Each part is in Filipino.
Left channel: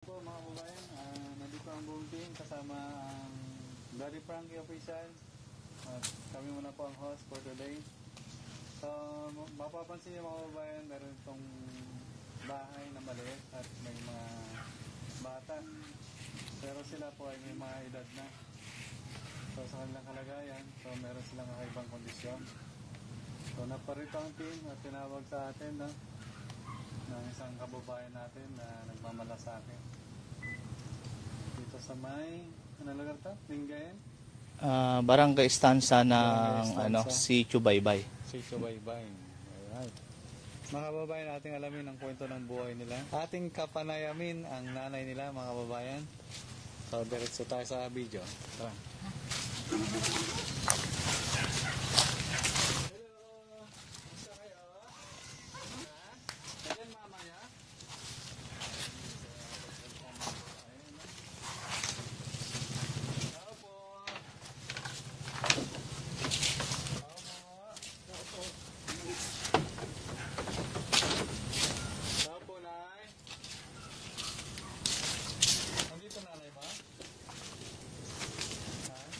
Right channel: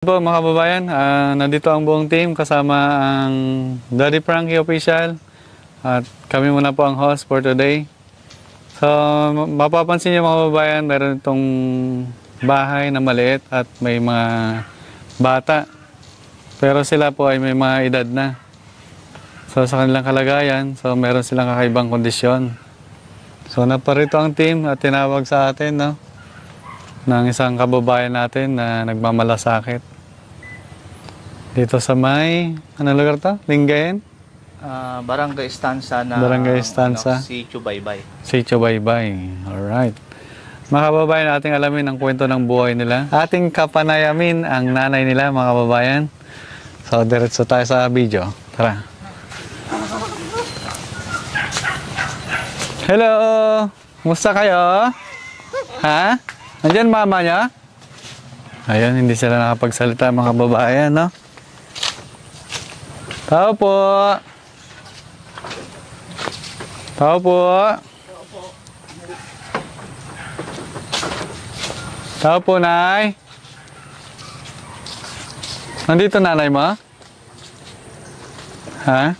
Po mga kababayan, nandito ang buong team kasama ang Daddy Frankie Official at kami muna po ang host for today. So mapapansin niyo mga kababayan, meron itong bahay na maliit at may mga bata. Pero sila po ay may mga edad na. So sa kanilang kalagayan, so meron silang kakaibang kondisyon. So naparito ang team at tinawag sa atin, no, ng isang kababayan natin na nagmamalasakit. Dito sa may, ano lugar to? Lingayen? Barangay Estanza na Barangay Estanza. Si Chubaybay. Si Chubaybay. Alright. Mga kababayan, ating alamin ang kwento ng buhay nila. Ating kapanayamin ang nanay nila, mga kababayan. So, diretso tayo sa video. Tara. Hello! Kumusta kayo? Ha? Nandiyan mama niya? Ayun, hindi sila nakapagsalita, mga kababayan, no? Tao po. Tao po. Tao po, Nay. Nandito nanay mo? Ha?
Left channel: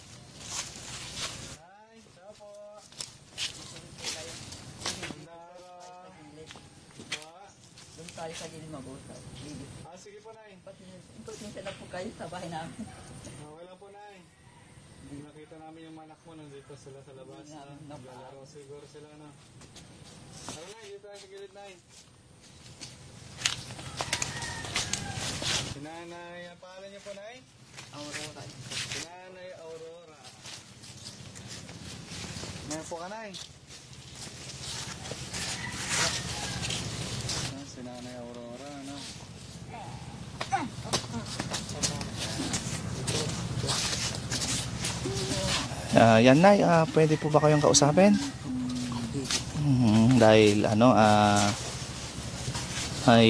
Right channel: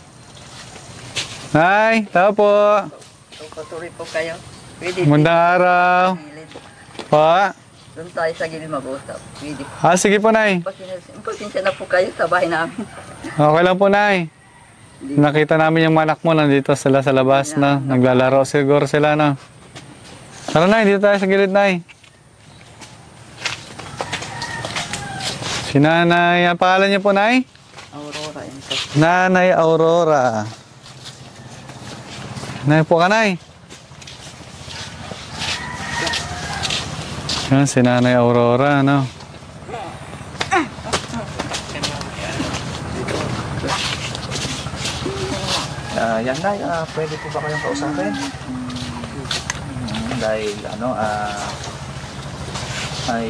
Nay, tao po. Patuloy po kayo. Pwede. Magandang araw. Pa? Doon tayo sa gilid mag-usap. Pwede. Sige po, Nay. Pasensya na po kayo sa bahay namin. Okay lang po, Nay. Nakita namin yung anak mo, nandito sila sa labas na. Naglalaro siguro sila, no? Tara, Nay, dito tayo sa gilid, Nay. Si Nanay, ang pangalan niyo po, Nay? Aurora. Nanay Aurora. Nay po ka, Nay. Yan, si Nanay Aurora, no? Yan na, pwede po ba kayong kausapin? Dahil ay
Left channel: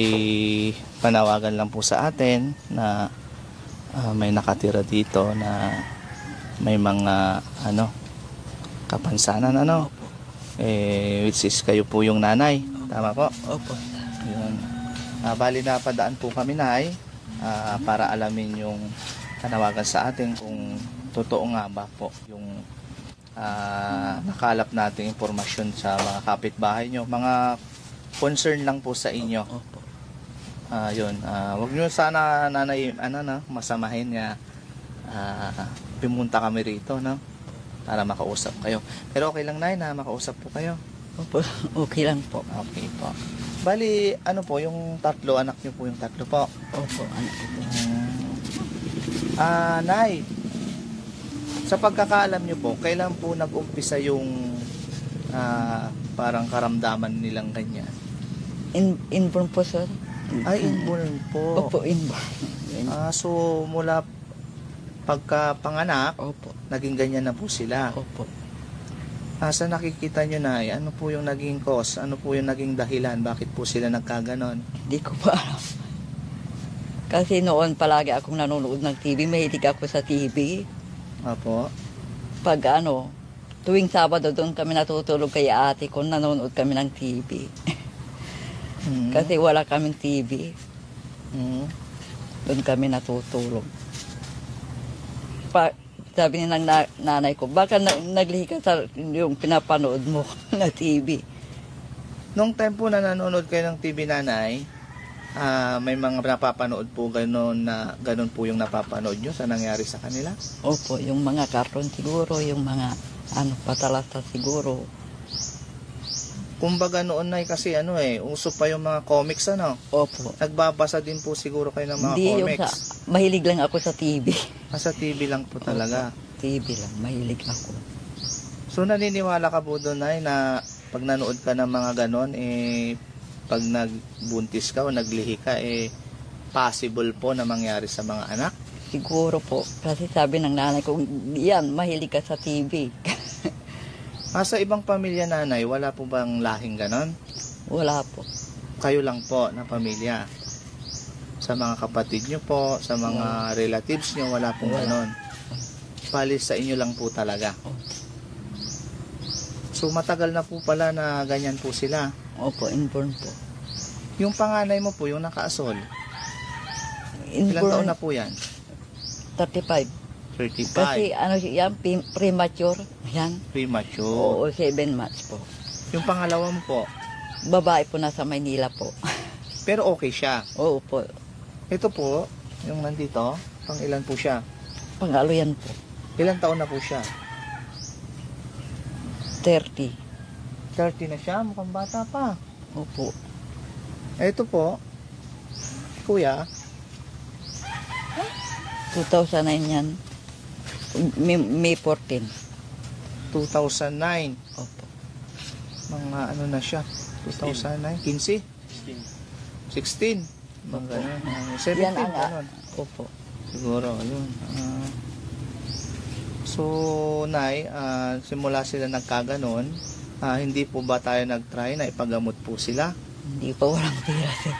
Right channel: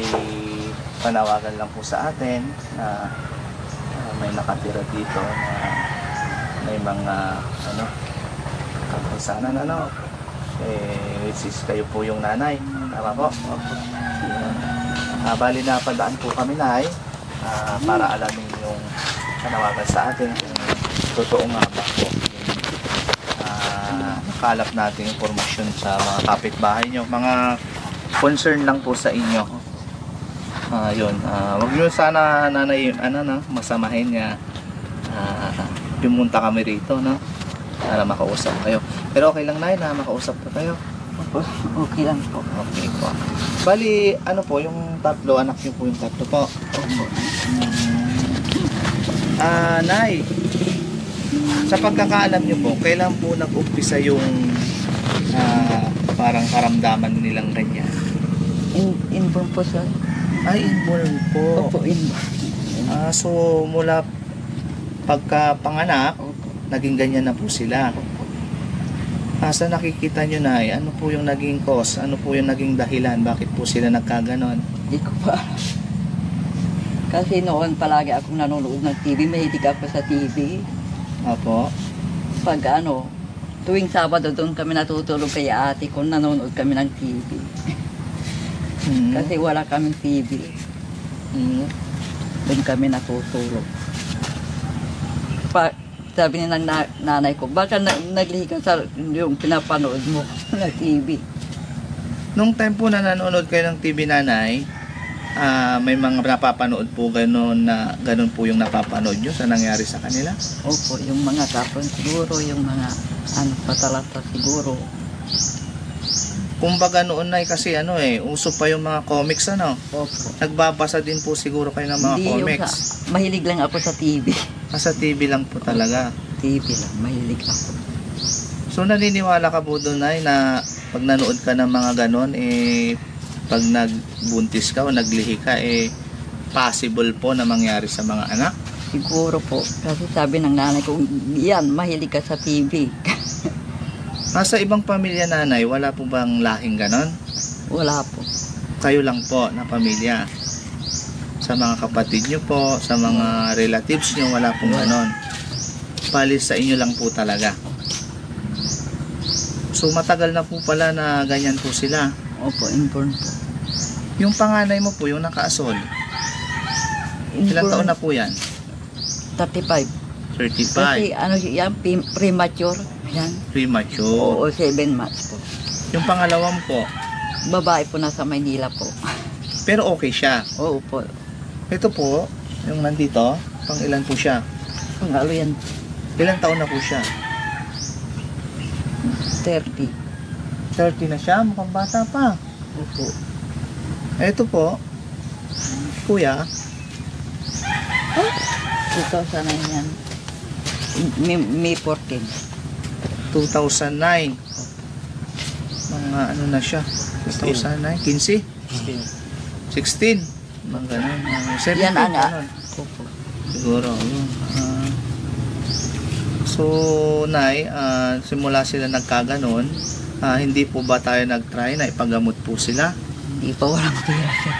panawagan lang po sa atin na may nakatira dito na may mga kapansanan which is kayo po yung nanay, tama po? Bali na padaan po kami, Nay, para alamin yung panawagan sa atin kung totoo nga ba po kalap natin impormasyon sa mga kapitbahay nyo, mga concern lang po sa inyo. Wag nyo sana, nanay, masamahin nga pumunta kami rito, no, para makausap kayo. Pero okay lang, Nay, na makausap po tayo. Okay lang po. Okay po. Bali, ano po, yung tatlo, anak nyo po yung tatlo po. Opo. Nay, sa pagkakaalam nyo po, kailan po nag-umpisa yung parang karamdaman nilang ganyan? Inborn po siya. Ay, inborn po. Opo, inborn. So, mula pagkapanganak, Opo. naging ganyan na po sila. Opo. Sa nakikita nyo, Nay, ano po yung naging cause? Ano po yung naging dahilan? Bakit po sila nagkaganon? Hindi ko pa alam. Kasi noon palagi akong nanonood ng TV. Mahilig ako sa TV. Apo? Pag tuwing Sabado doon kami natutulog kay ate ko, nanonood kami ng TV. Kasi wala kaming TV. Doon kami natutulog. Sabi ni ng nanay ko, baka nagliga sa yung pinapanood mo na TV. Nung time po na nanonood kayo ng TV, Nanay, may mga napapanood po ganun po yung napapanood nyo sa nangyari sa kanila? Opo, yung mga kapon siguro, yung mga patalata siguro. Kumbaga noon, Nay, kasi uso pa yung mga comics, Opo. Nagbabasa din po siguro kayo ng mga Hindi comics. Mahilig lang ako sa TV. Sa TV lang po talaga. TV lang, mahilig ako. So naniniwala ka po doon, Nay, na pag nanood ka ng mga ganon, pag nagbuntis ka o naglihi ka, possible po na mangyari sa mga anak? Siguro po. Kasi sabi ng nanay ko, yan, mahilig ka sa TV. Sa ibang pamilya, Nanay, wala po bang lahing ganon? Wala po. Kayo lang po na pamilya. Sa mga kapatid nyo po, sa mga relatives nyo, wala pong ganon. Palis sa inyo lang po talaga. So matagal na po pala na ganyan po sila. Opo, inborn po. Yung panganay mo po, yung nakaasol. Ilang taon na po yan? 35. 35. Kasi ano yan, premature. Yan. Premature. Oo, 7 months po. Yung pangalawang po, Babae po nasa Maynila po. pero okay siya. Oo po. Ito po, yung nandito, pang ilan po siya? Pangalo yan, Ilang taon na po siya? 30. 30 na siya, mukhang bata pa. Opo. Ito po, kuya, 2009 yan. May 14. 2009. Mga ano na siya? 2009, 15? 16. Mga ganun. Mga 17, Yan, ana. ganun. Opo. Siguro, yun. So, Nay, simula sila nagkaganon, hindi po ba tayo nag-try na ipagamot po sila? Hindi pa walang pera sir.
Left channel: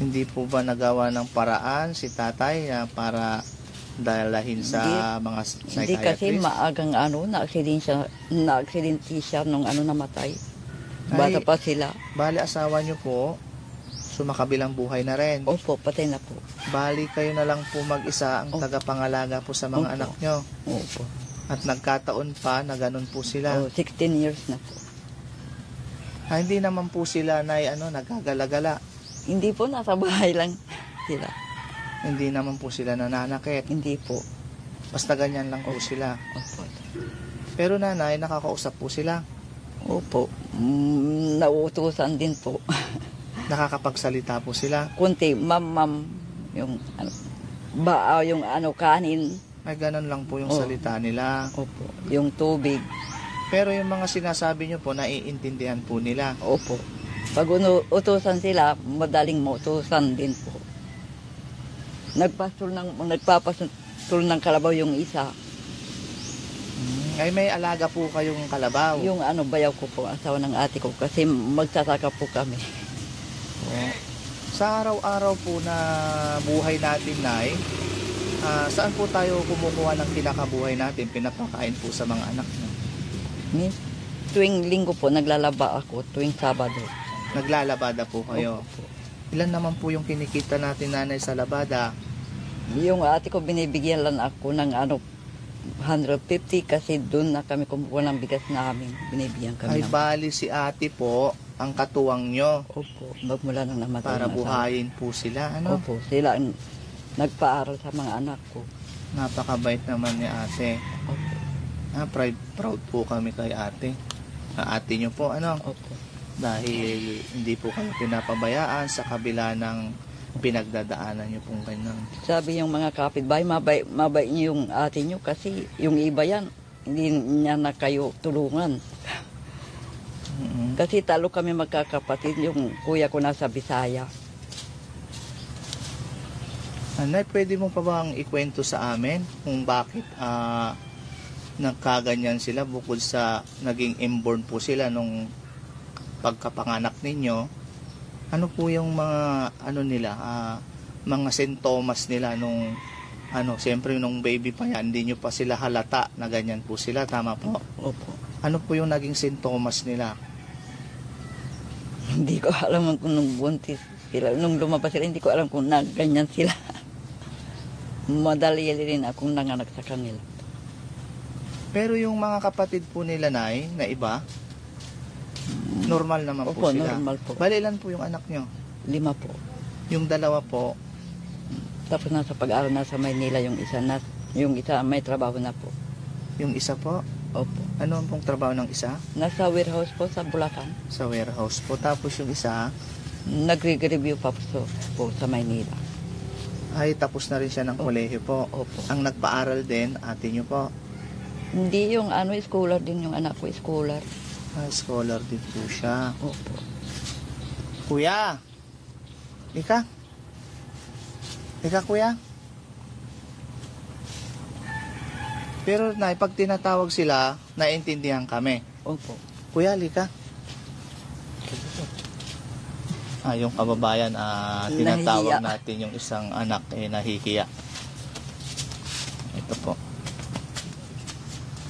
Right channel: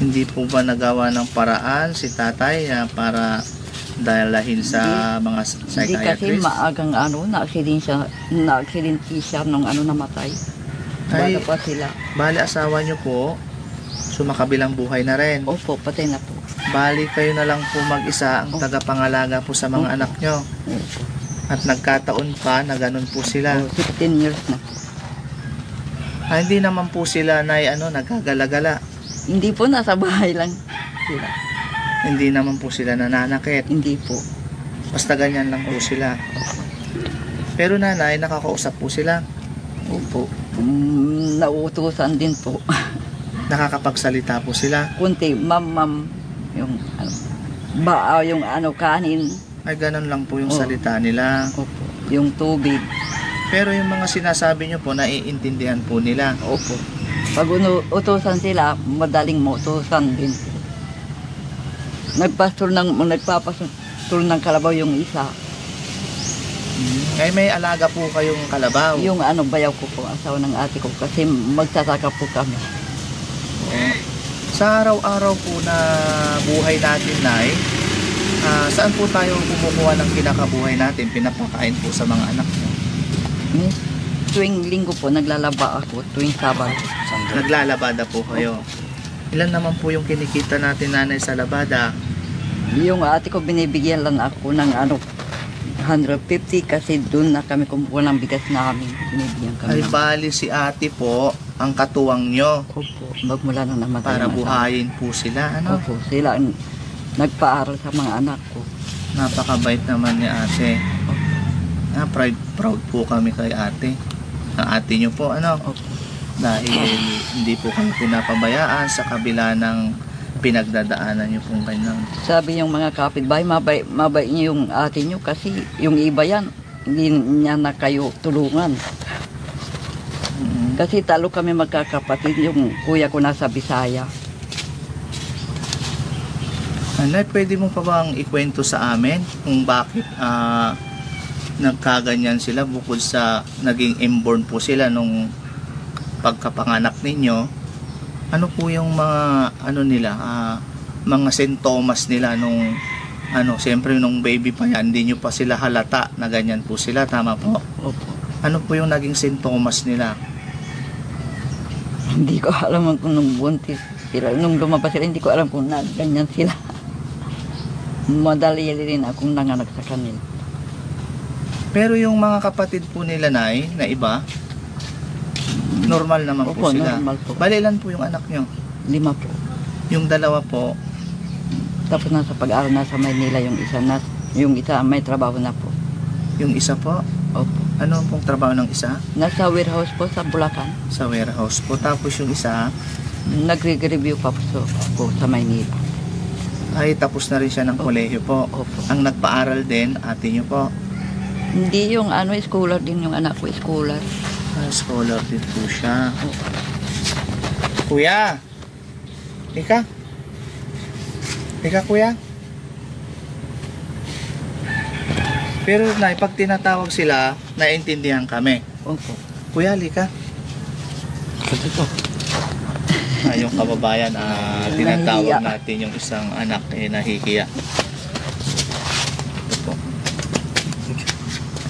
Hindi po ba nagawa ng paraan si tatay para dalahin sa mga Hindi kasi psychiatrist? maagang ano, na-accident siya nung ano namatay. Ay. Bata pa sila. Bali, asawa nyo po, sumakabilang buhay na rin. Opo, patay na po. Bali, kayo na lang po mag-isa ang tagapangalaga po sa mga anak nyo. Opo. At nagkataon pa na ganun po sila. Oh, 16 years na po. Hindi naman po sila nagkagala-gala. Hindi po, nasa bahay lang sila. Hindi naman po sila nananakit. Hindi po. Basta ganyan lang po sila. Pero nanay, nakakausap po sila. Opo. Nauutusan din po. Nakakapagsalita po sila. Kunti, ma'am, yung ano, yung ano, kanin. Ay, ganun lang po yung Oh. salita nila. Opo. Yung tubig. Pero yung mga sinasabi nyo po, naiintindihan po nila. Opo. Pag utusan sila, madaling mautusan din sila. Nagpapastor ng kalabaw yung isa. Ay, may alaga po kayong kalabaw. Yung ano, bayaw ko po, asawa ng ate ko. Kasi magsasaka po kami. Sa araw-araw po na buhay natin, Nay, saan po tayo kumukuha ng kinakabuhay natin? Pinapakain po sa mga anak nyo. Tuwing linggo po, naglalaba ako. Tuwing Sabado. Naglalabada po kayo. Ilan naman po yung kinikita natin, nanay, sa labada? Yung ate ko, binibigyan lang ako ng ano, 150 kasi doon na kami kumukuha ng bigas namin. Binibigyan kami Ay, ng... bali si ate po ang katuwang nyo Opo, magmula nung namatay para ang asawa. buhayin po sila. Ano? Opo, sila ang nagpaaral sa mga anak ko. Napakabait naman ni ate. Opo. Proud po kami kay ate. Ang ate nyo po, ano? Opo. Dahil hindi po kami pinapabayaan sa kabila ng pinagdadaanan nyo pong kanyang. Sabi yung mga kapitbahay, mabait niyo yung ate niyo kasi yung iba yan, hindi niya na kayo tulungan. Kasi talo kami magkakapatid, yung kuya ko nasa Bisaya. Anay, pwede mo pa bang ikwento sa amin kung bakit nagkaganyan sila bukod sa naging inborn po sila nung pagkapanganak ninyo? Ano po yung mga ano nila, mga sintomas nila nung siyempre nung baby pa yan, hindi nyo pa sila halata na ganyan po sila, tama po? Opo. Ano po yung naging sintomas nila? Hindi ko alam kung nung buntis sila, nung lumabas sila, hindi ko alam kung ganyan sila. Madali rin akong nanganak sa kanila. Pero yung mga kapatid po nila, Nay, na iba, normal naman po Opo, sila. normal po. Bali, ilan po yung anak nyo? 5 po. Yung dalawa po, Tapos nasa pag-aaral nasa Maynila yung isa. Yung isa may trabaho na po. yung isa po, Opo. ano pong trabaho ng isa? Nasa warehouse po sa Bulacan. Sa warehouse po. Tapos yung isa, Nagre-review pa po sa Maynila. ay tapos na rin siya ng kolehiyo po. Opo. Ang nagpaaral din, ate nyo po. Hindi yung ano, scholar din yung anak ko, scholar. Scholar din po siya. Kuya! Ika? Ika, kuya? Pero na, pag tinatawag sila, naiintindihan kami. Opo. Kuya, lika. Yung kababayan, tinatawag natin yung isang anak nahihiya. Ito po.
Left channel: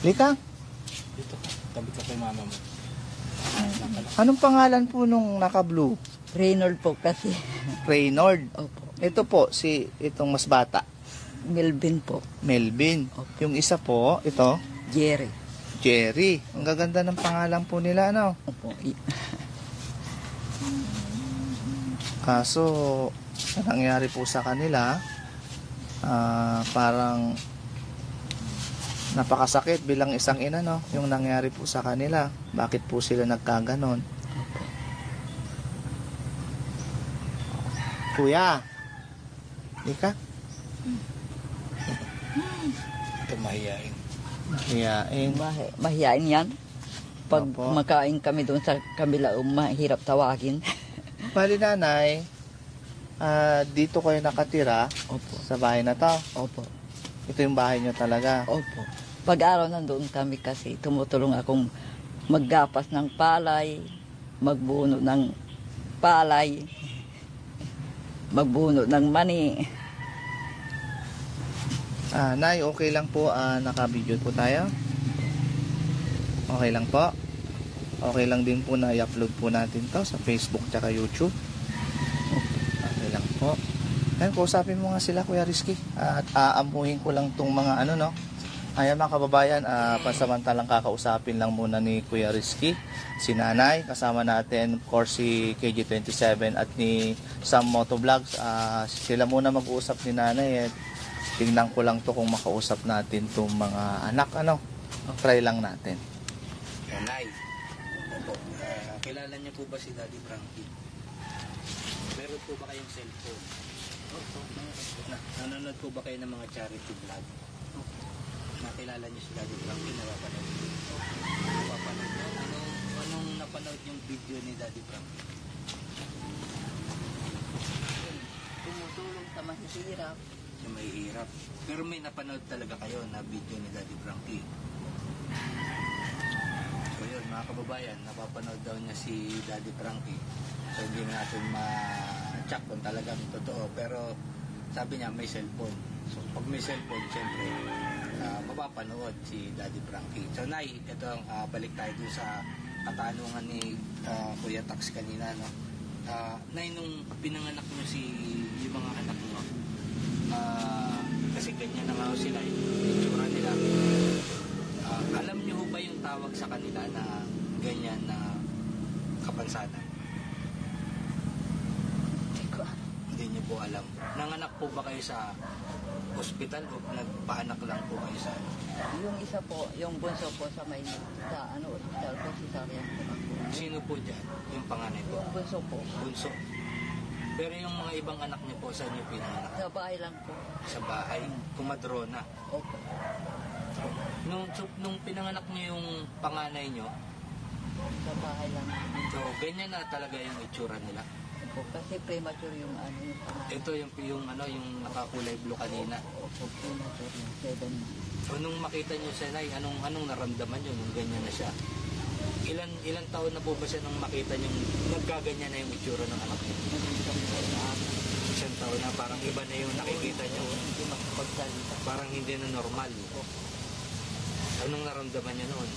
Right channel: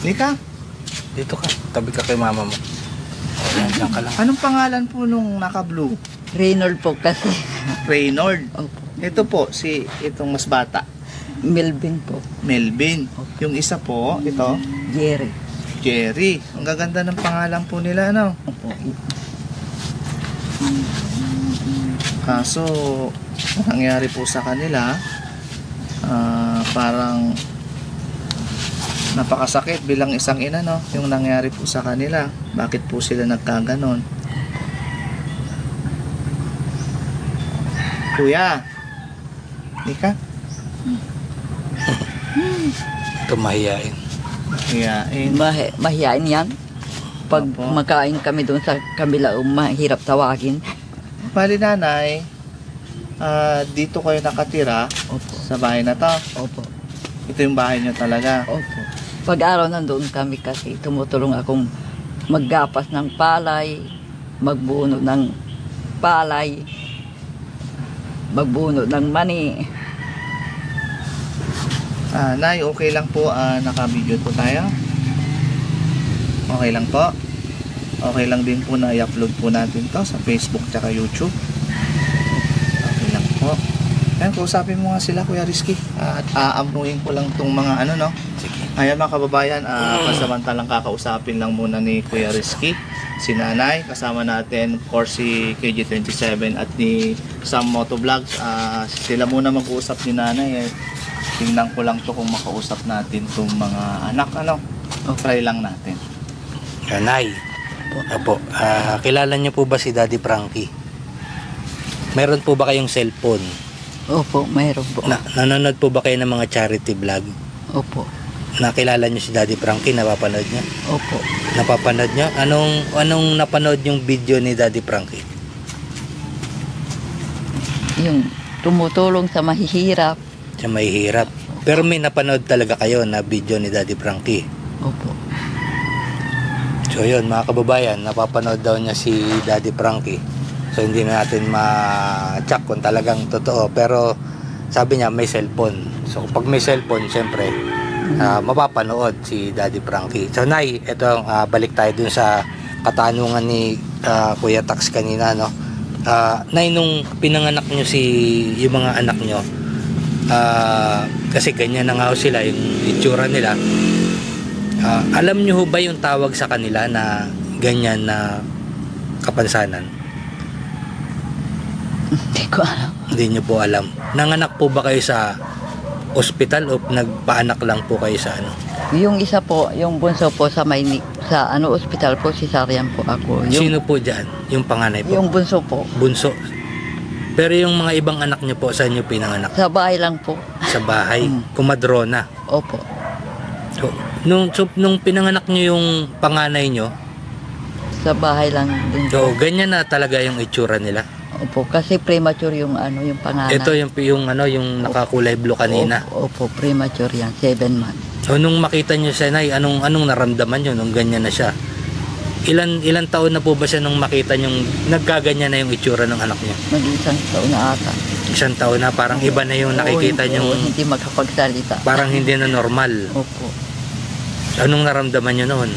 Lika. Dito ka, tabi ka kay mama mo. Diyan ka lang. Anong pangalan po nung naka-blue? Reynold po kasi. Reynord. Opo. Ito po, itong mas bata. Melvin po. Melvin. Yung isa po, ito, Jerry. Jerry. Ang gaganda ng pangalan po nila, ano? Opo. Kaso, ang nangyari po sa kanila, parang napakasakit bilang isang ina, no? Yung nangyari po sa kanila. Bakit po sila nagkaganon? Kuya, Ika? Ito mahiyain. Kaya, Mahihain yan. Pag Opo. makain kami doon sa kabila, mahirap tawagin. bali nanay, dito kayo nakatira Opo. sa bahay na to. Opo. Ito yung bahay nyo talaga. Opo. Pag-araw nandoon kami kasi tumutulong akong maggapas ng palay, magbuno ng palay, magbuno ng mani. Nay, okay lang po, naka-video po tayo. Okay lang po. Okay lang din po na i-upload po natin to sa Facebook tsaka YouTube. Okay lang po. Ayan, kausapin mo nga sila, Kuya Rizky. At aamuhin ko lang tong mga ano, no? Sige. Ayan mga kababayan, pasamantalang kakausapin lang muna ni Kuya Rizky, si Nanay, kasama natin of course si KG27 at ni Sam Motovlogs. Sila muna mag-uusap ni Nanay. Tingnan ko lang to kung makausap natin tong mga anak, ano? Try lang natin. Nay. Opo. Kilala niyo po ba si Daddy Frankie? Meron po ba kayong cellphone? Opo, mayroon po. Nanonood po ba kayo ng mga charity vlog? Opo. Nakilala niyo si Daddy Frankie? Napapanood niyo? Opo. Napapanood niyo? Anong napanood yung video ni Daddy Frankie? Yung tumutulong sa mahihirap. Siya mahihirap. Pero may napanood talaga kayo na video ni Daddy Frankie. Opo. So yun, mga kababayan, napapanood daw niya si Daddy Frankie. So hindi na natin ma-check kung talagang totoo. Pero sabi niya may cellphone. So pag may cellphone, syempre, mapapanood si Daddy Frankie. So Nay, ito, balik tayo dun sa katanungan ni Kuya Tax kanina, no? Nay, nung pinanganak nyo yung mga anak nyo, kasi ganyan na nga ho sila, yung itsura nila. Alam nyo ho ba yung tawag sa kanila na ganyan na kapansanan? Hindi ko alam. Hindi nyo po alam. Nanganak po ba kayo sa ospital o nagpaanak lang po kayo sa ano? Yung isa po, yung bunso po sa sa ospital po, cesarean po ako. Sino po dyan? Yung panganay po? Yung bunso po. Bunso. Pero yung mga ibang anak nyo po, saan nyo pinanganak? Sa bahay lang po. Sa bahay? Kumadrona? Opo. So, nung pinanganak nyo yung panganay nyo, Sa bahay lang din po. so, ganyan na talaga yung itsura nila. Opo, kasi premature yung yung pangalan. Ito yung nakakulay blue kanina. Opo, premature yan, 7 months. So, nung makita nyo siya, Nay, anong naramdaman nyo nung ganyan na siya? Ilan taon na po ba siya nung makita nyo nagkaganyan na yung itsura ng anak nyo? Mag-isang taon na ata. Isang taon na, parang iba na yung nakikita nyo. Hindi makapagsalita. Parang hindi na normal. Opo. Anong naramdaman nyo noon?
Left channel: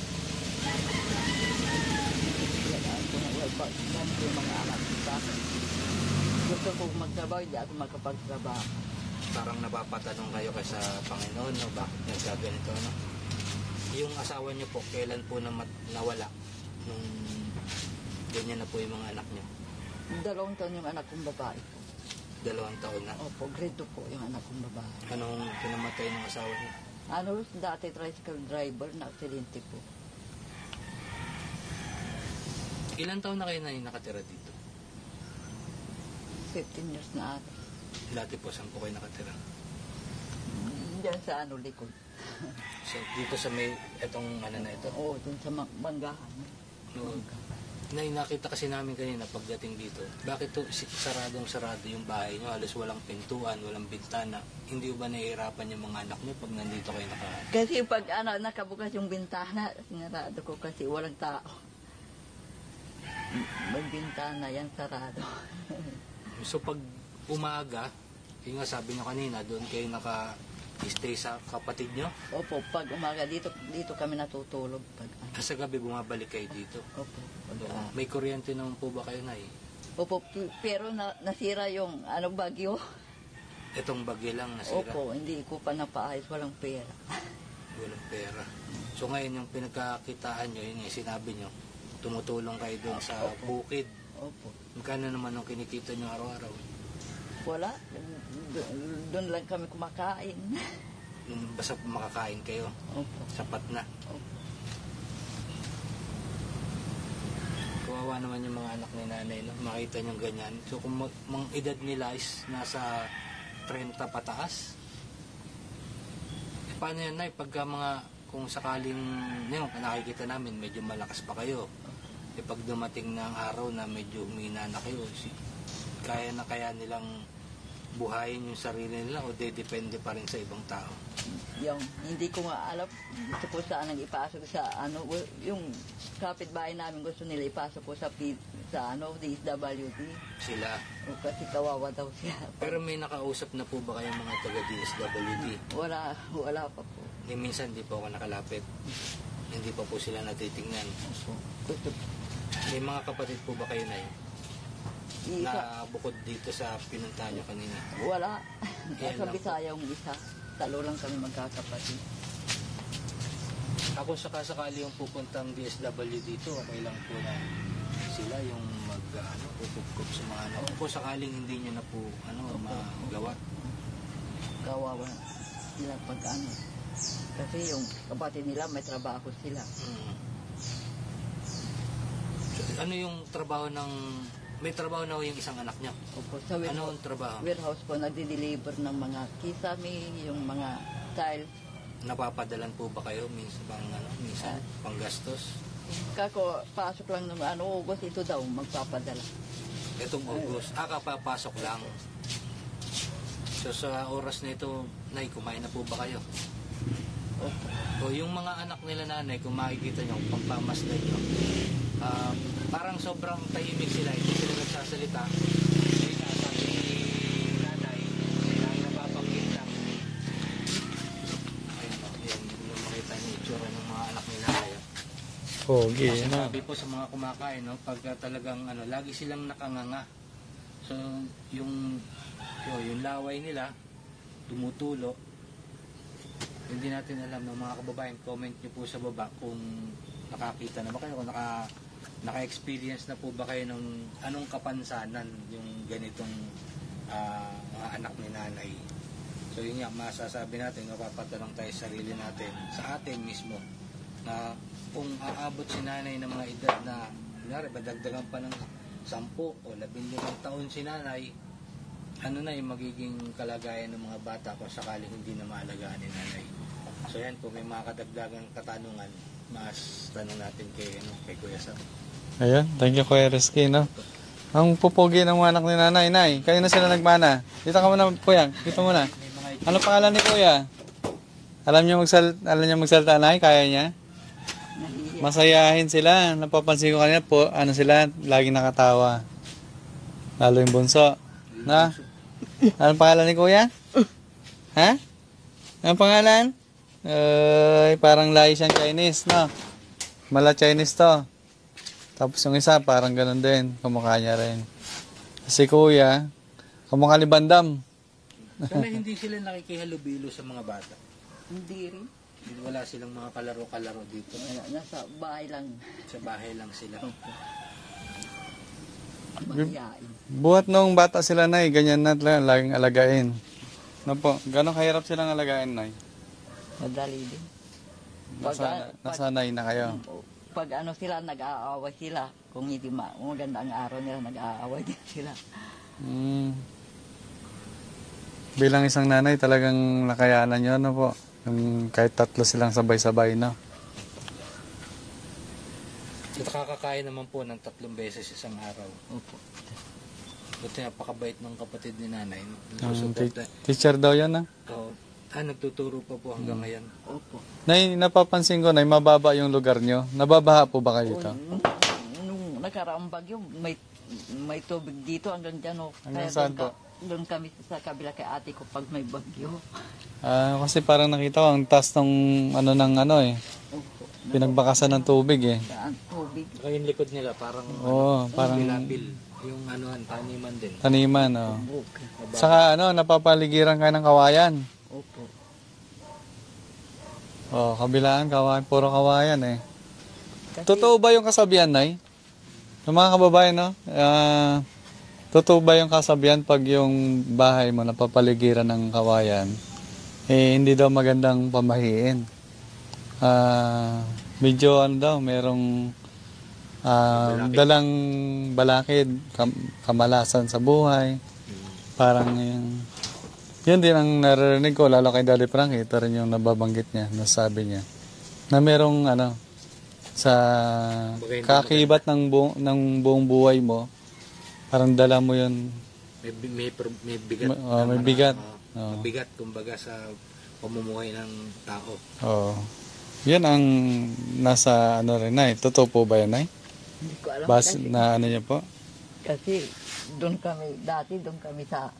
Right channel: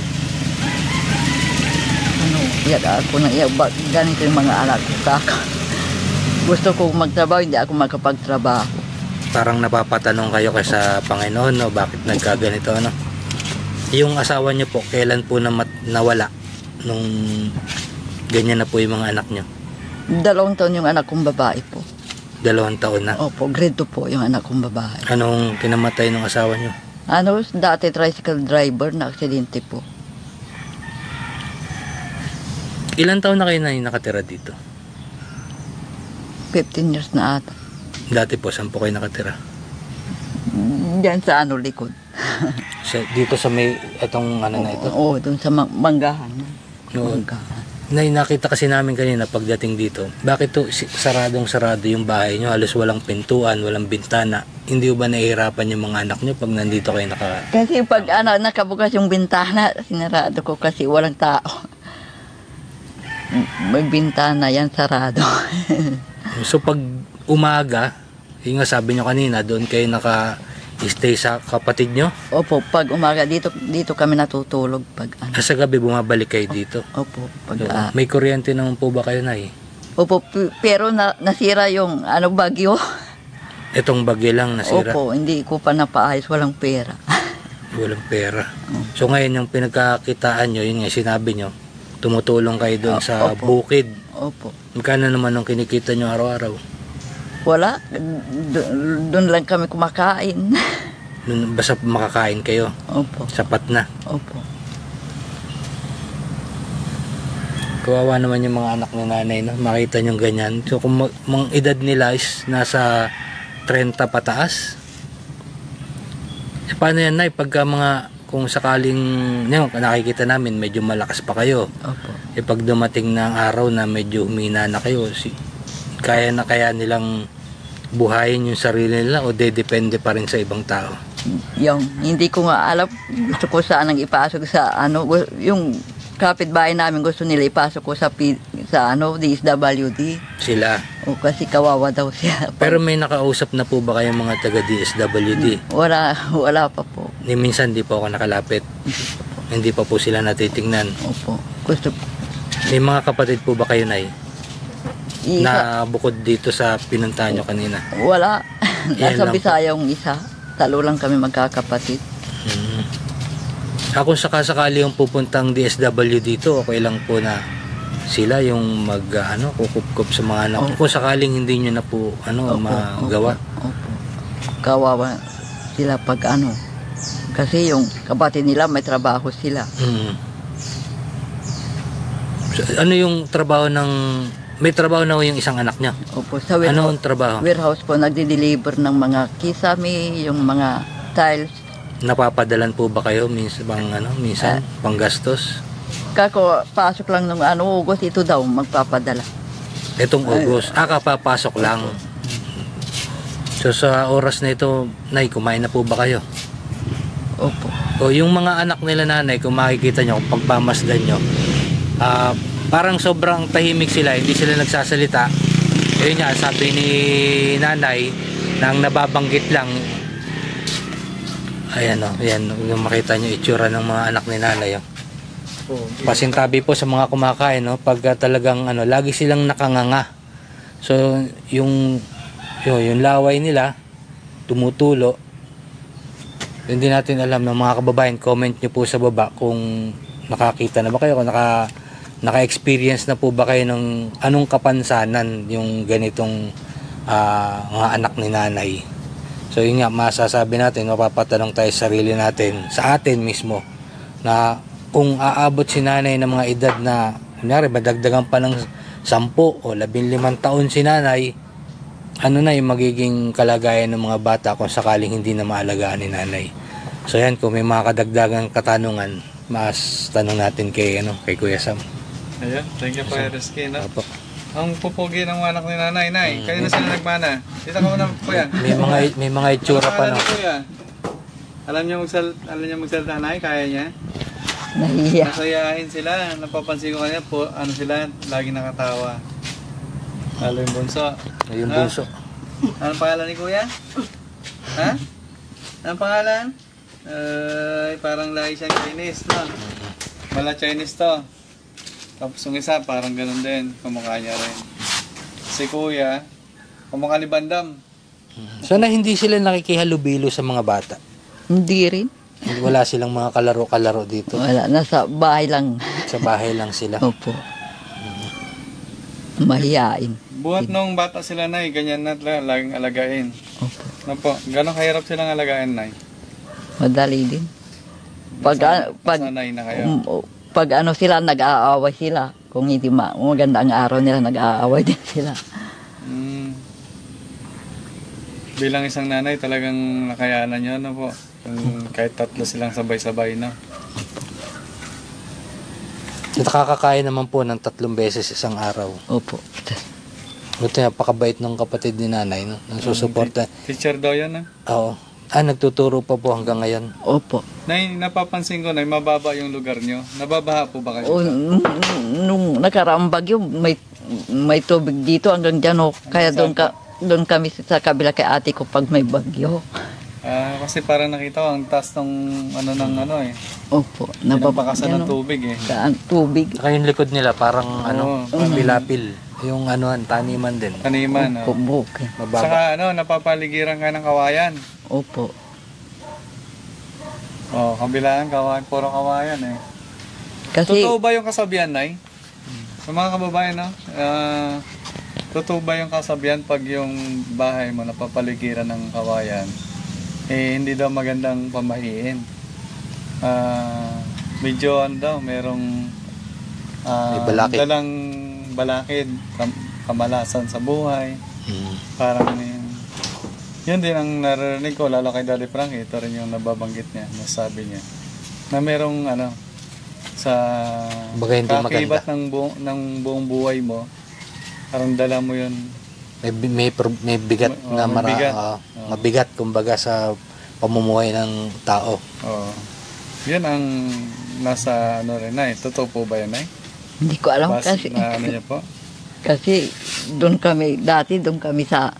Iyak ako na iyak. Ganito yung mga anak ko sa akin. Gusto ko magtrabaho, hindi ako makapagtrabaho. Parang napapatanong kayo kay sa Panginoon, no? Bakit nagkaganito, ano? Yung asawa nyo po, kailan po nawala nung ganyan na po yung mga anak nyo? 2 taon yung anak kong babae po. 2 taon na. Opo, grade 2 po yung anak kong babae. Anong kinamatay ng asawa nyo? Dati tricycle driver na aksidente po. Ilan taon na kayo na nakatira dito? 15 years na ata. Dati po, saan po kayo nakatira? Diyan sa likod. Dito sa may, itong ano na ito? Oo, doon sa manggahan. Noon. Manggahan. Nakita kasi namin kanina pagdating dito, bakit to saradong-sarado yung bahay nyo, halos walang pintuan, walang bintana. Hindi ba nahihirapan yung mga anak nyo pag nandito kayo Kasi pag nakabukas yung bintana, sinarado ko kasi walang tao. May bintana yan, sarado. So pag umaga, yung nga sabi nyo kanina, doon kayo stay sa kapatid nyo? Opo, pag umaga dito kami natutulog pag ano. Sa gabi bumabalik kayo dito? Opo, pag So, may kuryente naman po ba kayo, Nay? opo, pero nasira yung bagyo. Itong bagyo lang nasira? Opo, hindi ko pa napaayos, walang pera. Walang pera. So ngayon yung pinagkakitaan nyo, yun nga sinabi nyo, tumutulong kayo doon sa Opo. bukid. Opo. Magkano naman ang kinikita nyo araw-araw? Wala, doon lang kami kumakain. Basta makakain kayo, Opo, sapat na. opo. Kawawa naman yung mga anak ni nanay, no? Makita nyo ganyan. So kung mga edad nila is nasa 30 pataas, paano yan, Nay? Pagka kung sakaling nakikita namin medyo malakas pa kayo, Opo. pag dumating na ang araw na medyo humina na kayo, kaya nilang buhayin yung sarili nila o depende pa rin sa ibang tao? Hindi ko nga alam, gusto ko sanang ipasok sa yung kapitbahay namin gusto nila ipasok ko sa DSWD. Sila. O kasi kawawa daw siya. Pero may nakausap na po ba kayong mga taga DSWD? Wala pa po. Minsan di po ako nakalapit. Hindi pa po sila natitingnan. Opo. Gusto May mga kapatid po ba kayo, Nay? isa, Na bukod dito sa pinuntahan nyo kanina? wala. Yan Nasa lang po. Bisaya yung isa. Talo lang kami magkakapatid. Kung sakasakali yung pupuntang DSW dito, okay lang po na sila yung kukup-kup sa mga anak. Opo. Kung sakaling hindi nyo na po magawa. Opo. Kawawa sila pag kasi yung kapatid nila may trabaho sila. So, ano yung trabaho may trabaho na yung isang anak niya? Opo, sa Ano ang trabaho? warehouse po nagde-deliver ng mga kisame, yung mga tiles. Napapadalan po ba kayo minsan panggastos? Kako pasok lang ng August ito daw magpapadala. Itong August, kapapasok lang. So sa oras na ito, Nay, kumain na po ba kayo? Opo. O yung mga anak nila, nanay, kung makikita nyo, kung pagpamasdan nyo, parang sobrang tahimik sila, hindi sila nagsasalita. Yun nga, sabi ni nanay, nang nababanggit lang, ayan yung makita nyo itsura ng mga anak ni nanay. Pasintabi po sa mga kumakain, pag talagang lagi silang nakanganga. So yung laway nila tumutulo. Hindi natin alam ng mga kababayan, comment nyo po sa baba kung nakakita na ba kayo, kung naka-experience na po ba kayo ng anong kapansanan yung ganitong mga anak ni nanay. So yun nga, masasabi natin, mapapatanong tayo sa sarili natin, sa atin mismo, na kung aabot si nanay ng mga edad na, kunyari, madagdagan pa ng 10 o 15 taon si nanay, ano na yung magiging kalagayan ng mga bata kung sakaling hindi na maalagaan ni nanay. So yan, kung may mga kadagdagang katanungan, mas tanong natin kay Kuya Sam. Ayan, thank you Kuya Rizky, no? Opo. Ang pupugi ng anak ni nanay, Nay. Kayo na sila nagmana. Dito ka muna, Kuya. May mga itsura Ano pa pangalan na. ni Kuya? Alam niya magsalita, Nay? Kaya niya? Nahiya. Masayahin sila. Napapansin ko kanina po, sila, laging nakatawa. Lalo yung bunso. Yung Na? bunso. Anong pangalan ni Kuya? Ha? Anong pangalan? Parang lagi siyang Chinese, no? Mala Chinese to. Tapos yung isa, parang ganun din. Kumukha niya rin. Si Kuya, kumukha ni Bandam. Sana hindi sila nakikihalubilo sa mga bata. Hindi rin. Wala silang mga kalaro-kalaro dito. Wala, nasa bahay lang. Sa bahay lang sila. Opo. Mahiyain. Buhat nung bata sila, Nay, ganyan na talaga, laging alagain. Opo. Ano po, gano'ng kahirap silang alagain, Nay? Madali din. Nasanay na kayo. Pag sila, nag-aaway sila. Kung hindi maganda ang araw nila, nag-aaway din sila. Bilang isang nanay, talagang nakayanan nyo, no po? Kahit tatlo silang sabay-sabay, no? Nakakakain naman po ng 3 beses isang araw. Opo. Buti napakabait ng kapatid ni nanay, no? Nagsusuporta. Teacher daw yan, na? Oo. Nagtuturo pa po hanggang ngayon. Opo. Nay, napapansin ko, Nay, mababa yung lugar nyo. Nababaha po ba kayo? Nung nakaraang bagyo, may tubig dito hanggang dyan. Kaya doon kami sa kabila kay ate ko pag may bagyo. Kasi parang nakita ko ang taas ng ano ng ano eh. Opo. Pinapakasan ng tubig eh. Tubig. Saka yung likod nila parang Oo, pilapil. Yung taniman din. Taniman. Opo, Oh. bukid. Mababa. Saka napapaligiran ka ng kawayan. Opo. Kabilaan kawayan, puro kawayan eh. Kasi, Totoo ba yung kasabihan, Nay? Sa mga kababayan, no? Totoo ba yung kasabihan pag yung bahay mo napapaligiran ng kawayan, hindi daw magandang pamahiin? Medyo daw, merong May balakid. dalang balakid, kamalasan sa buhay. Parang yun din ang narinig ko, lalo kay Daddy Frank, ito rin yung nababanggit niya, nasabi niya, na merong sa Baga hindi kakibat ng buong buhay mo, parang dala mo yun. May bigat na mabigat. mabigat kumbaga sa pamumuhay ng tao. Yan ang nasa rin na totoo po ba yan ay? hindi ko alam Base kasi. na niya po? Kasi doon kami sa